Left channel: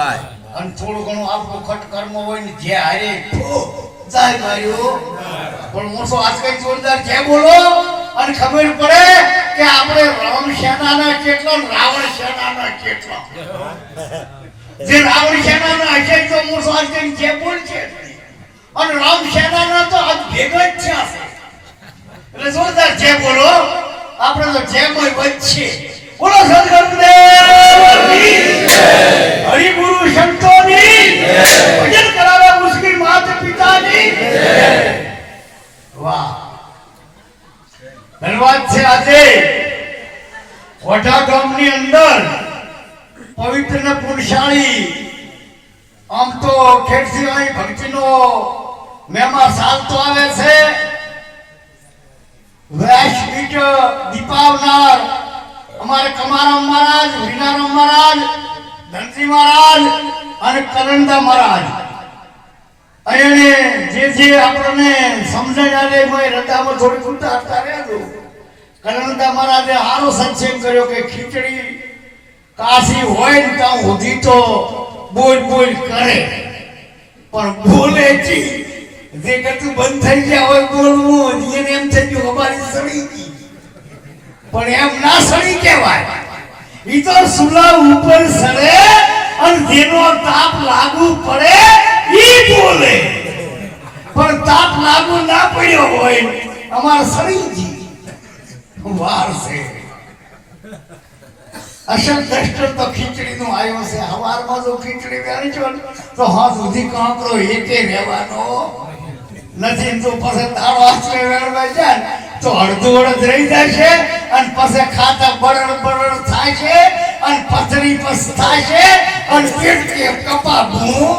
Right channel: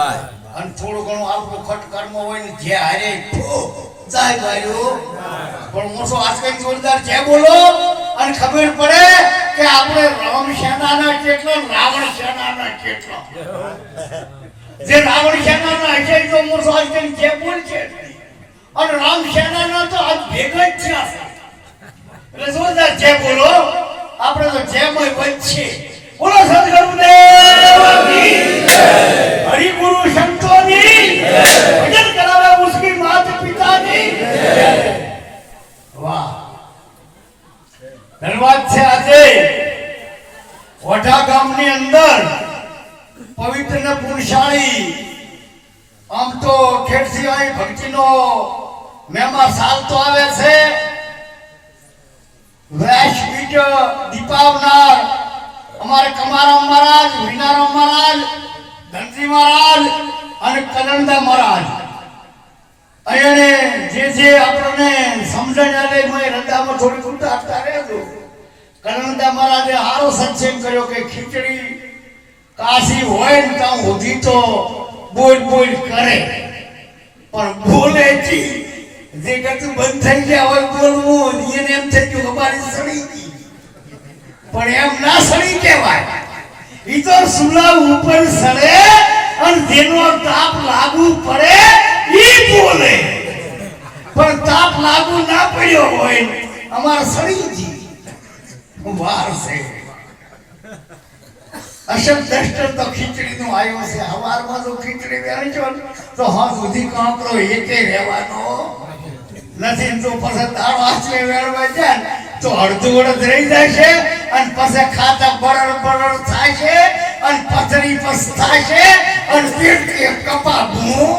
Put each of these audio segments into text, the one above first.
અને થોડું ઘણું આપણું ખટ કર્મ હોય ને જે હારે જાય ભાઈઓ. પણ મોસો આજકાલ જોરદાર જે બોલો, અને ખબર પડે કે આપણે રામ સેનાના કેટલો, રાવણ સેનાના કેટલો. જે રાવણ સેનાના હશે તો મોસો આજકાલ જે બોલ છે અને રામ સેનાના તો આજ ભેગા જ છે. એટલે જોરદાર છે બોલો, આપણે તો જેમય વચ્ચે બોલો સદગુરુદેવની હરિગુરુ સંતોની ભજન કરાવે મુશ્કેલ માતા પિતાની. વાહ. ધન્યવાદ છે આજે. વઢા ગામની અંદર પવિત્ર ને પુણશાળી, આમ તો ખેડસિવાળી ભક્તિનો મેમા ચાલતો આવે છે. વૈશ્વિક દીપાવનાર અમારે કમારામ મહારાજ, વિનારામ મહારાજ ધનજી મહારાજ અને કરણદા મહારાજ. અહીંયાને જે જે આપણને સમજણ આવે એમાં રડામાં થોડી ઉતા હતા રહેજો કરણદા મહારાજે સારો સત્સંગ કર્યો કે ખીચડી કાશી હોય ને ત્યાં સુધી તો બોલ બોલ કરે. પણ બોલે જે કરતું બંધ થઈ ગયા હોય બોલવું એને એમ થઈ ગયું, અમારી સડી ગઈ. પણ એમ ના સડી કહેવાય. તો સુલા ઉપર સરે અને જેનો તાપ લાગુ પડે, ઈ બોલે. પણ તાપ લાગુ ના પડ્યો હોય, અમાર શરીરજી વાર છે. અશક દસ્ટર તો ખીચડી નું આવ્યો છે, હવારમાં જો ખીચડી વેરી છો તો હા સુધી કાંકરો એકે રહેવાનો નથી. તો પછી દાળ વાંચવે વેળવા જાય તો અડધું અડધ રહી જાય છે અને પછી ખાતા બરડ બરડ થાય છે, અને પથરી પસ થાય છે, અને પેટ કપા ભૂ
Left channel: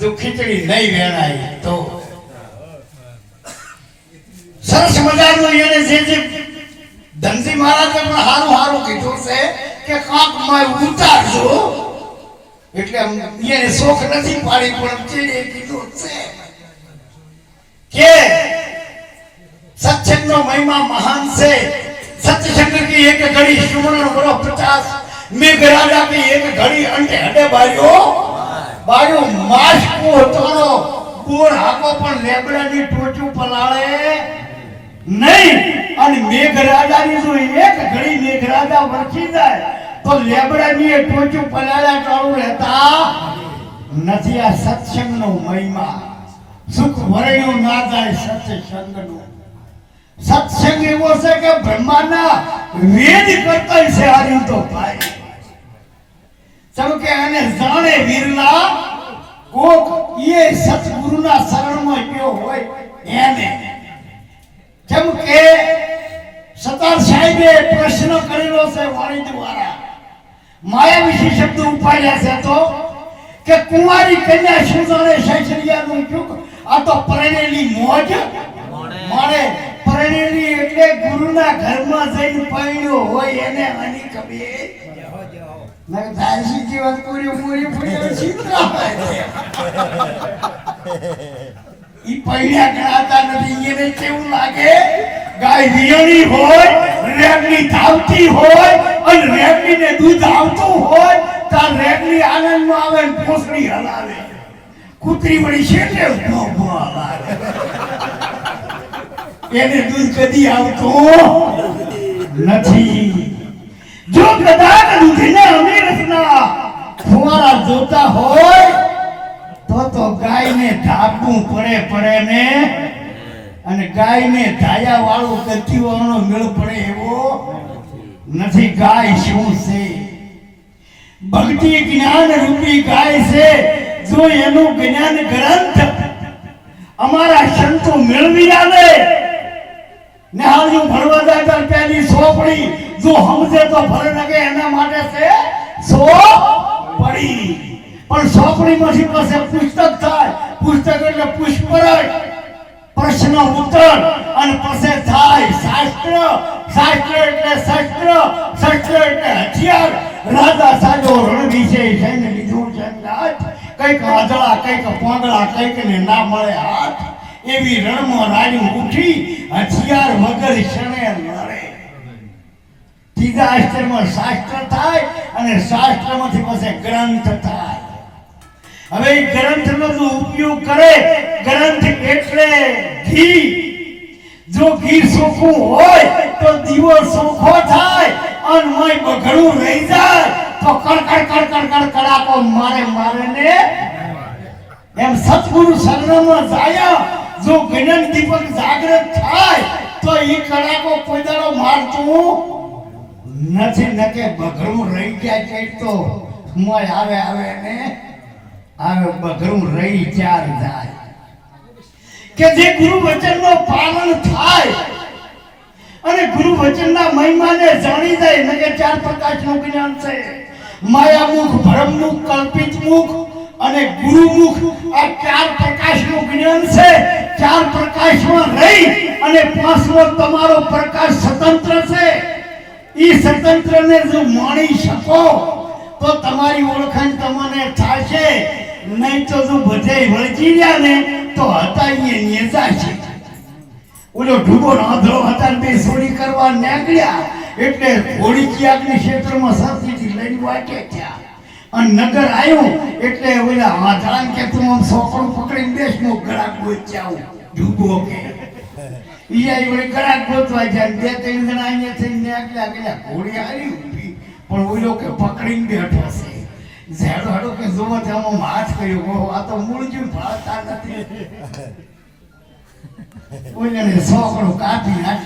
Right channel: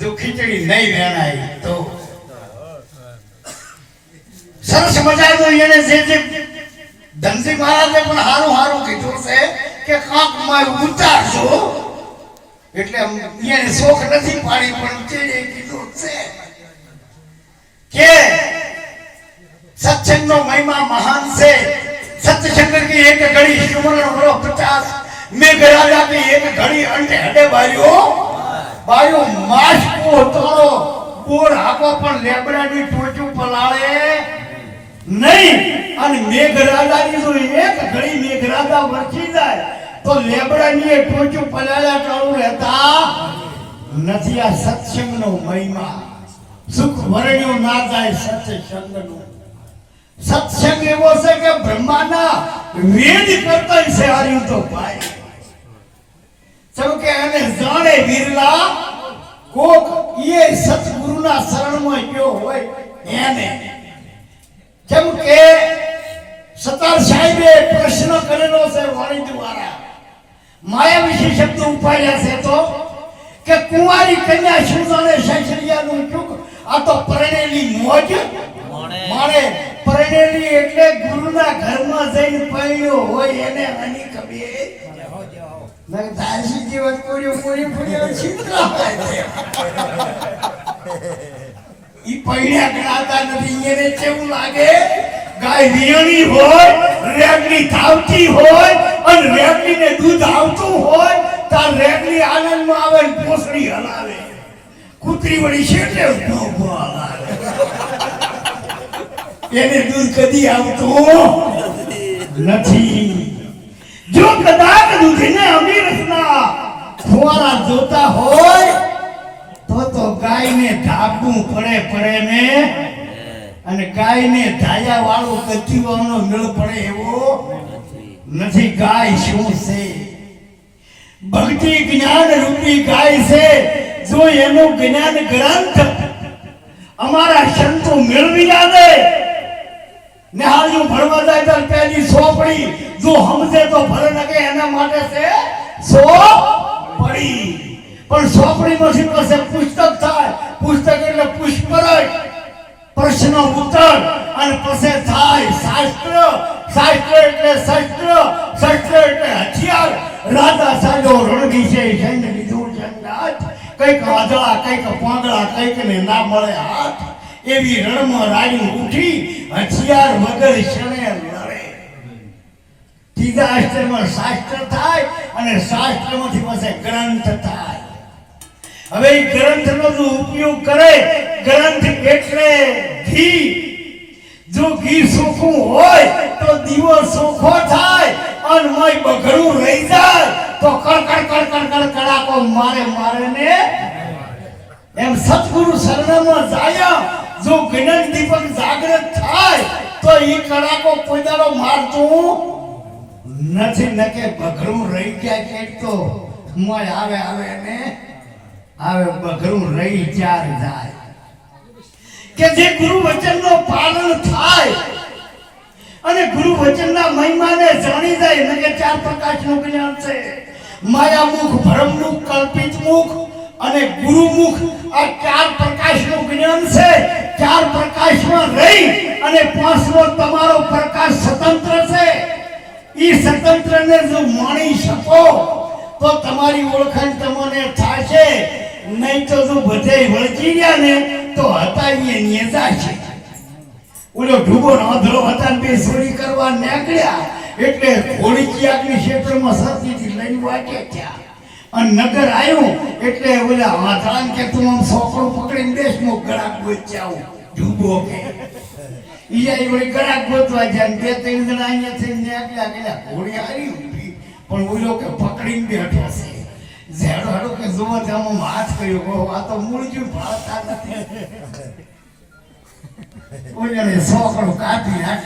જો ખીચડી નહીં વેણાય તો. સરસ મજાનું એને જે જે ધનજી મહારાજે પણ હારું હારું કીધું છે કે કાંકમાં ઉતારજો. એટલે એને શોખ નથી પાડી, પણ ચેડે કીધું છે કે સત્સંગ નો મહિમા મહાન છે. સત્યશંકર કી એક ઘડી સુમરણ કરો પચાસ. મેં બિરાજા કી એક ઘડી અંતે હડે બાયો બાયો માસ પોતળો બોર હાકો પણ લેબડાની ટોચું પલાળે નહીં, અને મેઘરાજાની જો એક ઘડી મેઘરાજા વરસી જાય, તો લેબડાની ટોચું પલાળ્યા ચાલુ રહેતા નથી. આ સત્સંગ નો મહિમા. સુખ ભરેલું ના જાય, સત્સંગનું. સત્સંગ એવો છે કે બ્રહ્માના વેદ કરતા છે હાર્યું તો ભાઈ સૌ કે એને જાણે વીરલા કોક એ સતગુરુના શરણમાં ગયો હોય એને કેમ કે સતાર સાહેબે પ્રશ્ન કરેલો છે વાણી દ્વારા માયા વિશે શબ્દ ઉપાડ્યા છે તો કે કુંવારી કન્યા શું જાણે સૈસરિયાનું ચૂક આ તો પરણેલી મોજ માણે પરણેલી એટલે ગુરુના ઘરમાં જઈને પડ્યો હોય એને આની કબે. દૂધ આવતું હોય તાર રેગની આનંદમાં આવે ને હલાવે. કૂતરી વળી શેઠે ઊભો એને દૂધ કદી આવતું નથી. જો કદાચ દૂધને અમીરસના ફુવારા જોતા હોય, તો તો ગાયને ધાપવું પડે પડે ને? અને ગાયને ધાયા વાળું ગતિવાનો મેળ પડે એવો નથી. ગાય શું છે? ભક્તિ જ્ઞાન રૂપી ગાય છે. જો એનું જ્ઞાન ગ્રંથ અમારા સંતો મેળવી આવે ને હાલ જો ભણવા જાય તો પેલી સોપડી. જો સમજે તો ભલે લગે એના માટે છે સોપડી. પણ સોપડીમાંથી પાસે પુસ્તક થાય. પુસ્તક એટલે પુષ્પરય. પ્રશ્ન ઉત્તર અને પછી થાય શાસ્ત્ર. શાસ્ત્ર એટલે શસ્ત્ર. શસ્ત્ર એટલે હથિયાર. રાજા સાજો રણવી છે સૈન્ય લીધું છે કંઈક વાદળા, કંઈક પોંદળા કંઈક ને ના મળે હાથ. એવી રણમાં રાણી ઉઠી, હથિયાર વગર શણે લડે. ત્રીજા અક્ષરમાં શાસ્ત્ર થાય અને શાસ્ત્રમાંથી પાસે ગ્રંથ થાય. હવે એ ગ્રંથનો જો ઉપયોગ કરે, ગ્રંથ એટલે ઘી. જો ઘી સોખું હોય, તો દીવો સોખો થાય અને મય બગડું રહી જાય. તો કડકડ કડકડ કડકડાકો મારે મારે ને એમ સતગુરુ શરણમાં જાય જો જ્ઞાન દીપક જાગૃત થાય, તો એ કડાકો કોઈ દાડો મારતું. નથી નકે બઘરું રહી ગયા છે તો? મોય આવે આવે ને આવે બઘરું રહી ચાર જાય. કે જે ગુરુ વચનનો પાલન થાય અને ગુરુ વચનના મહિમાને જાણી જાય, નકે ચાર પ્રકાશનું જ્ઞાન છે. ભરમ મુખ કલ્પિત મુખ અને ગુરુમુખ આ ચાર પ્રકાશમાં રહી અને પાંચમો તમારો પ્રકાશ સ્વતંત્ર છે. એ સ્વતંત્રને જો માણી શકો, તો તમારી ઓળખાણ તમને થશે. નહીં તો જો બધે વળગી ગયા ને, તો હતા એ નેતા છે. ઓલો ઢૂબો આંધળો હતા બે ચોરી કરવા નીકળ્યા. એટલે ઘોડી ક્યાંકની ક્ષેત્રમાં સરસીથી લઈને વાટે ત્યાં. અને નગર આવ્યું, એટલે ઓલા આંધળાને કે તું આમ સોપડું પકડીને બેસ નો ગળાક ગોચ્યા ઢૂબો કે ઈ આઈ ગોતવા જાય બે ત્રણ જણા અહીંયા થઈને નીકળ્યા કે ઘોડી આવી ઊભી. પણ ઓલો કે પકડીને બેઠો છે. ઝાડો હાડો કે ત્યાં હાથ કર્યો. આ તો મૂળ નથી ઓલાને કાપી નાખી.